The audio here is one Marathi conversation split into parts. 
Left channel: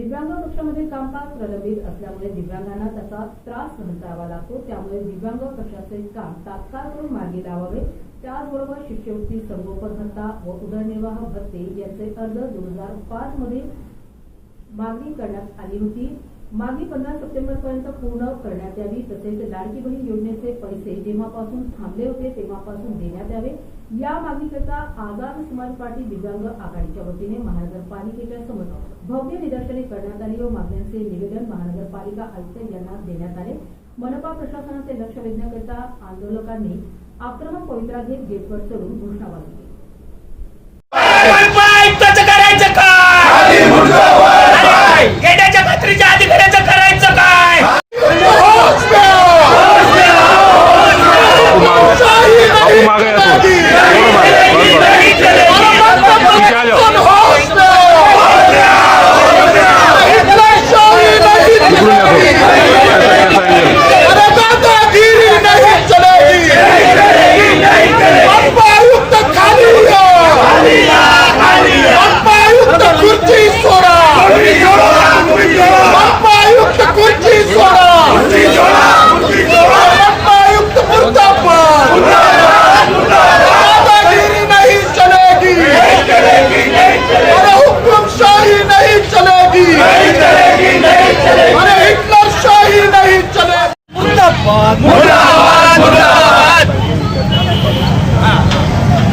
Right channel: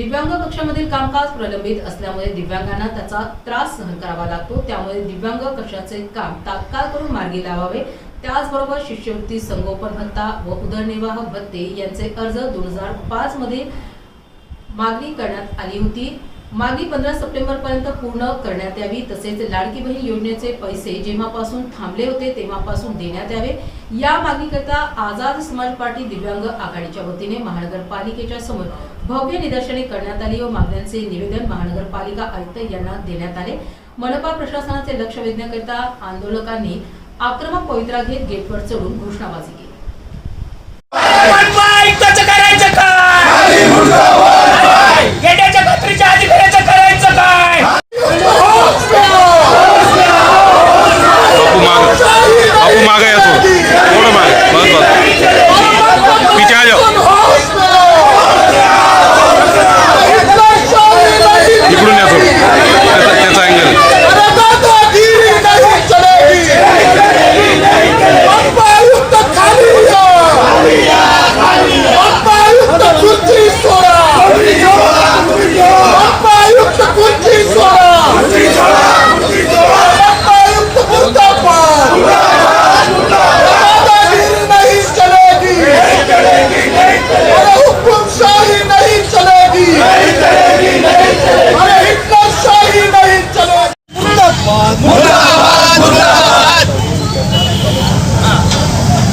दिव्यांग कक्षामधील कामकाज प्रलंबित असल्यामुळे दिव्यांगांना त्याचा त्रास सहन करावा लागतो। त्यामुळे दिव्यांग कक्षाचे काम तात्काळ करून मार्गी लावावे। त्याचबरोबर शिष्यवृत्ती, संगोपन भत्ता व उदरनिर्वाह भत्ते यांचे अर्ज 2005 मध्ये मागणी करण्यात आली होती। मागणी 15 सप्टेंबर पर्यंत पूर्ण करण्यात यावी। तसेच लाडकी बहीण योजनेचे पैसे जेव्हापासून थांबले होते तेव्हापासून देण्यात यावे। या मागणीकरता आझाद समाज पार्टी दिव्यांग आघाडीच्या वतीने महानगरपालिकेच्या समोर भव्य निदर्शने करण्यात आली व मागण्यांचे निवेदन महानगरपालिका आयुक्त यांना देण्यात आले। मनपा प्रशासनाचे लक्ष वेधण्याकरिता आंदोलकांनी आक्रमक पवित्रा घेत गेटवर चढून घोषणाबाजी केली। गेट्याच्या खात्रीच्या अधिकाऱ्याचं करायचं काय? बापू मागे येतो, थोडं मागे, बस बस, पीछे आ जाओ, इकडून येतो, त्याचा अँगल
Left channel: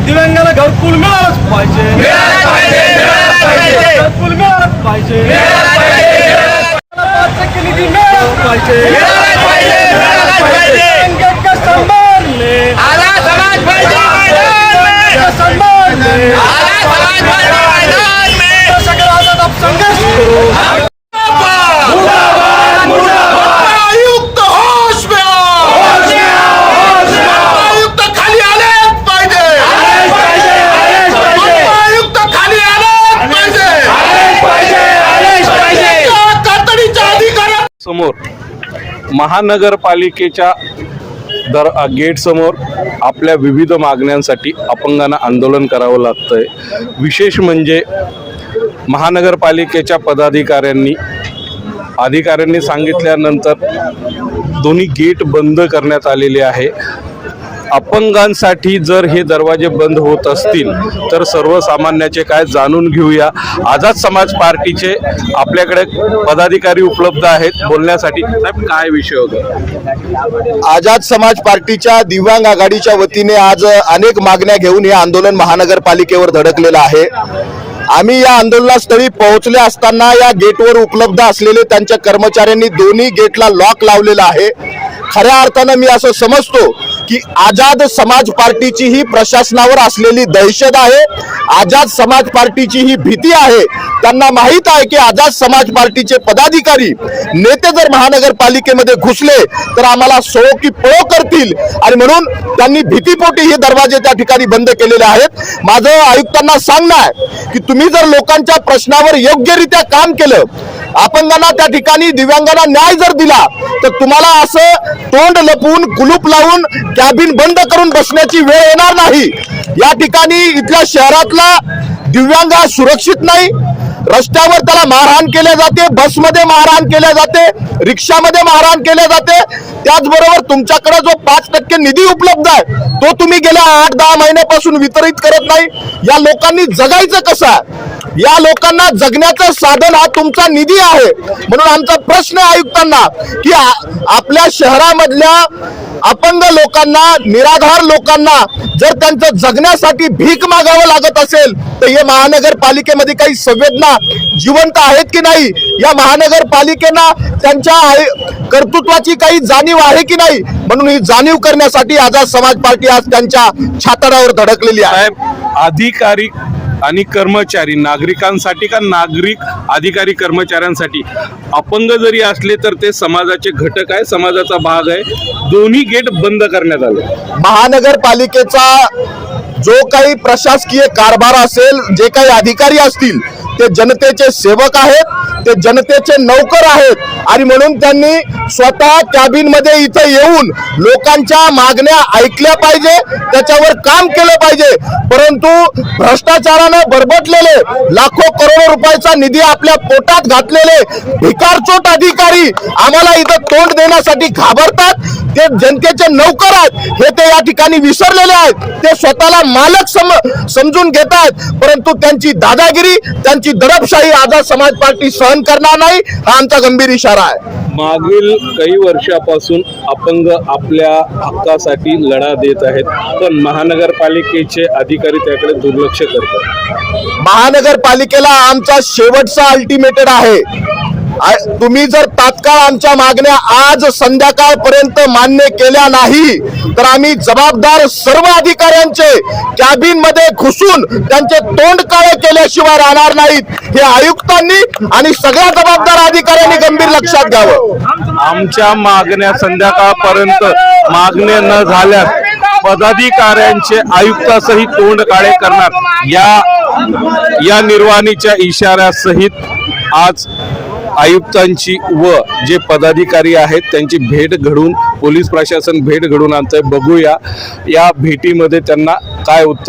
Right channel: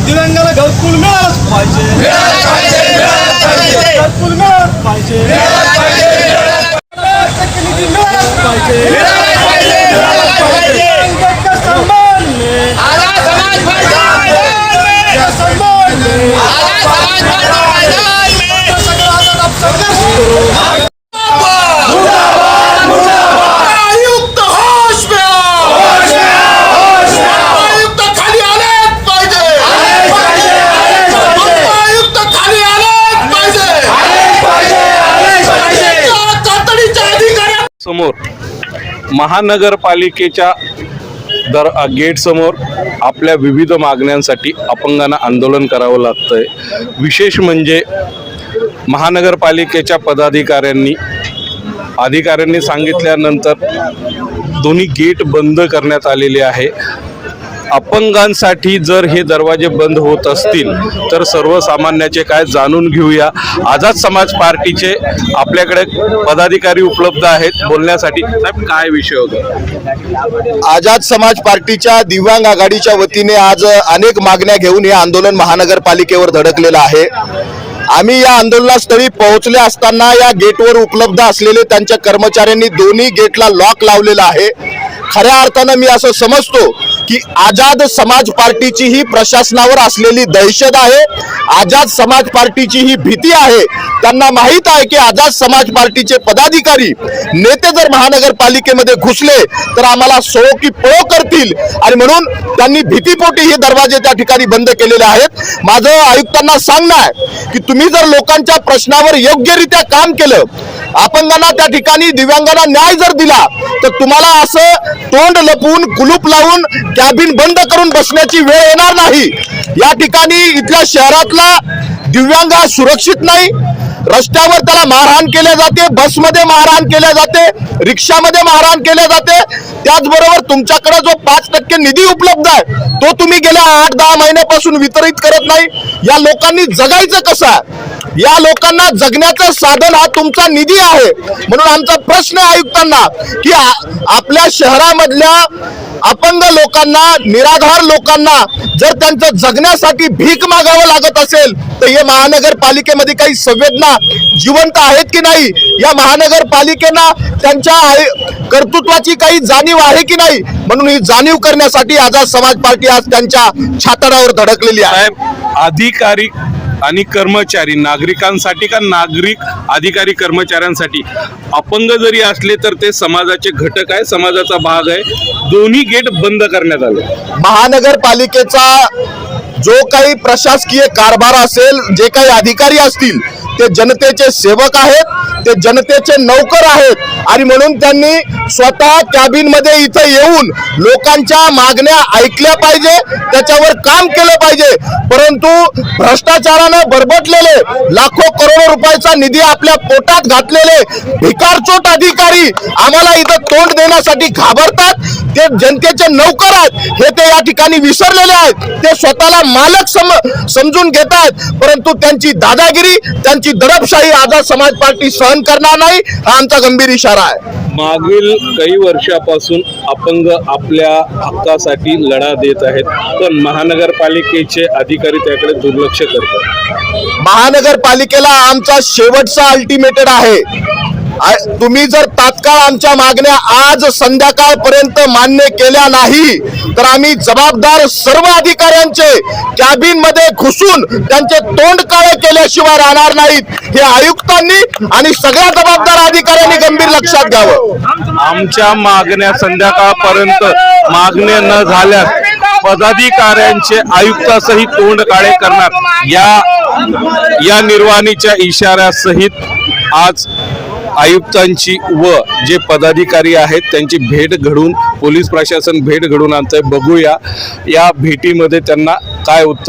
दिव्यांगाला घरकुल मिळालंच पाहिजे, घरकुल मिळालंच पाहिजे, निधी मिळालंच पाहिजे, दिव्यांगांका सन्मान मिळेल, समाज पार्टी मैदान सन्मान मिळेल, समाज पार्टी मैदान में सगळं आता आपण संघर्ष करू। आयुक्त होश में आयुक्त खाली आलेच पाहिजे, आयुक्त खाली आलेच पाहिजे, तातडीच्या अधिकाऱ्या समोर महानगरपालिकेच्या गेट समोर आपल्या विविध मागण्यांसाठी अपंगांना आंदोलन करावं लागतंय। विशेष म्हणजे महानगरपालिकेच्या अधिकाऱ्यांनी सांगितल्यानंतर दोन्ही गेट बंद करण्यात आलेले आहे। अपंगांसाठी जर हे दरवाजे बंद होत असतील तर सर्वसामान्याचे काय जाणून घेऊया। आझाद समाज पार्टीचे आपल्याकडे पदाधिकारी उपलब्ध आहेत बोलण्यासाठी। साहेब, काय विषय होता? आझाद समाज पार्टीच्या दिव्यांग आघाडीच्या वतीने आज अनेक मागण्या घेऊन हे आंदोलन महानगरपालिकेवर धडकलेलं आहे। आम्ही या आंदोलनास्थळी पोहोचले असताना या गेटवर उपलब्ध असलेले त्यांच्या कर्मचाऱ्यांनी दोन्ही गेटला लॉक लावलेला आहे। खऱ्या अर्थानं मी असं समजतो की आझाद समाज पार्टीची ही प्रशासनावर असलेली दहशत आहे, आझाद समाज पार्टीची ही भीती आहे। त्यांना माहित आहे की आझाद समाज पार्टीचे पदाधिकारी नेते जर महानगरपालिकेमध्ये घुसले तर आम्हाला सो की पळो करतील आणि म्हणून त्यांनी भीतीपोटी हे दरवाजे त्या ठिकाणी बंद केलेले आहेत। माझं आयुक्तांना सांगणं आहे की तुम्ही जर लोकांच्या प्रश्नावर योग्यरित्या काम केलं, अपंगांना त्या ठिकाणी दिव्यांगांना न्याय जर दिला तर तुम्हाला असं तोंड लपवून कुलूप लावून कॅबिन बंद करून बसण्याची वेळ येणार नाही। या ठिकाणी इथल्या शहरातला दिव्यांग सुरक्षित नाही। रस्त्यावर त्याला मारहाण केले जाते, बसमध्ये मारहाण केले जाते, रिक्षामध्ये मारहाण केले जाते। त्याचबरोबर तुमच्याकडे जो 5% निधी उपलब्ध आहे तो तुम्ही गेल्या 8-10 महिन्यापासून वितरित करत नाही। या लोकांनी जगायचं कसं? या लोकांना जगण्याचं साधन हा तुमचा निधी आहे। म्हणून आमचा प्रश्न आहे आयुक्तांना की आपल्या शहरामधल्या अपंग लोकांना, निराधार लोकांना जर त्यांचं जगण्यासाठी भीक मागावं लागत असेल तर हे महानगरपालिकेमध्ये काही संवेदना जिवंत आहेत की नाही? या महानगरपालिकेला त्यांच्या कर्तृत्वाची काही जाणीव आहे की नाही? म्हणून ही जाणीव करण्यासाठी आझाद समाज पार्टी आज त्यांच्या छाताडावर धडकलेली आहे। अधिकारी आणि कर्मचारी नागरिकांसाठी का नागरिक अधिकारी कर्मचाऱ्यांसाठी? अपंग जरी असले तर ते समाजाचे घटक आहे, समाजाचा भाग आहे। दोन्ही गेट बंद करण्यात आले। महानगरपालिकेचा जो काही प्रशासकीय कारभार असेल, जे काही अधिकारी असतील ते जनतेचे सेवक आहेत, ते जनतेचे नौकर आहेत आणि म्हणून त्यांनी स्वतः कॅबिन मध्ये इथं येऊन लोकांच्या मागण्या ऐकल्या पाहिजे, त्याच्यावर काम केलं पाहिजे. परंतु भ्रष्टाचारानं बरबटलेले लाखो करोडो रुपयाचा निधी आपल्या पोटात घातलेले भिकारचोट अधिकारी आम्हाला इथं तोंड देण्यासाठी घाबरतात. ते जनतेचे नौकर आहेत हे ते या ठिकाणी विसरलेले आहेत. ते स्वतःला मालक समजून घेतात, परंतु त्यांची दादागिरी, त्यांची दडपशाही आझाद समाज पार्टी सहन करणार नाही, हा आमचा गंभीर इशारा आहे. मागील काही वर्षापासून अपंग आपल्या हक्कासाठी लढा देत आहेत, पण महानगरपालिकेचे अधिकारी त्याकडे दुर्लक्ष करतात. महानगरपालिकेला आमचा शेवटचा अल्टिमेटेड आहे. तुम्ही जर तात्काळ आमच्या मागण्या आज संध्याकाळपर्यंत मान्य केल्या नाही तर आम्ही जबाबदार सर्व अधिकाऱ्यांचे कॅबिन मध्ये घुसून त्यांचे तोंड काळे केल्याशिवाय राहणार नाहीत. हे आयुक्तांनी आणि सगळ्या जबाबदार अधिकाऱ्यांनी गंभीर लक्षात घ्यावं. आमच्या मागण्या संध्याकाळपर्यंत मागण्या न झाल्यास पदाधिकाऱ्यांचे आयुक्तासहित तोंड काळे करणार या निर्वाणीच्या इशाऱ्यासहित आज आयुक्तांची व जे पदाधिकारी आहेत त्यांची भेट घडून पोलीस प्रशासन भेट घडून आणतंय. बघूया या भेटीमध्ये त्यांना काय उत्तर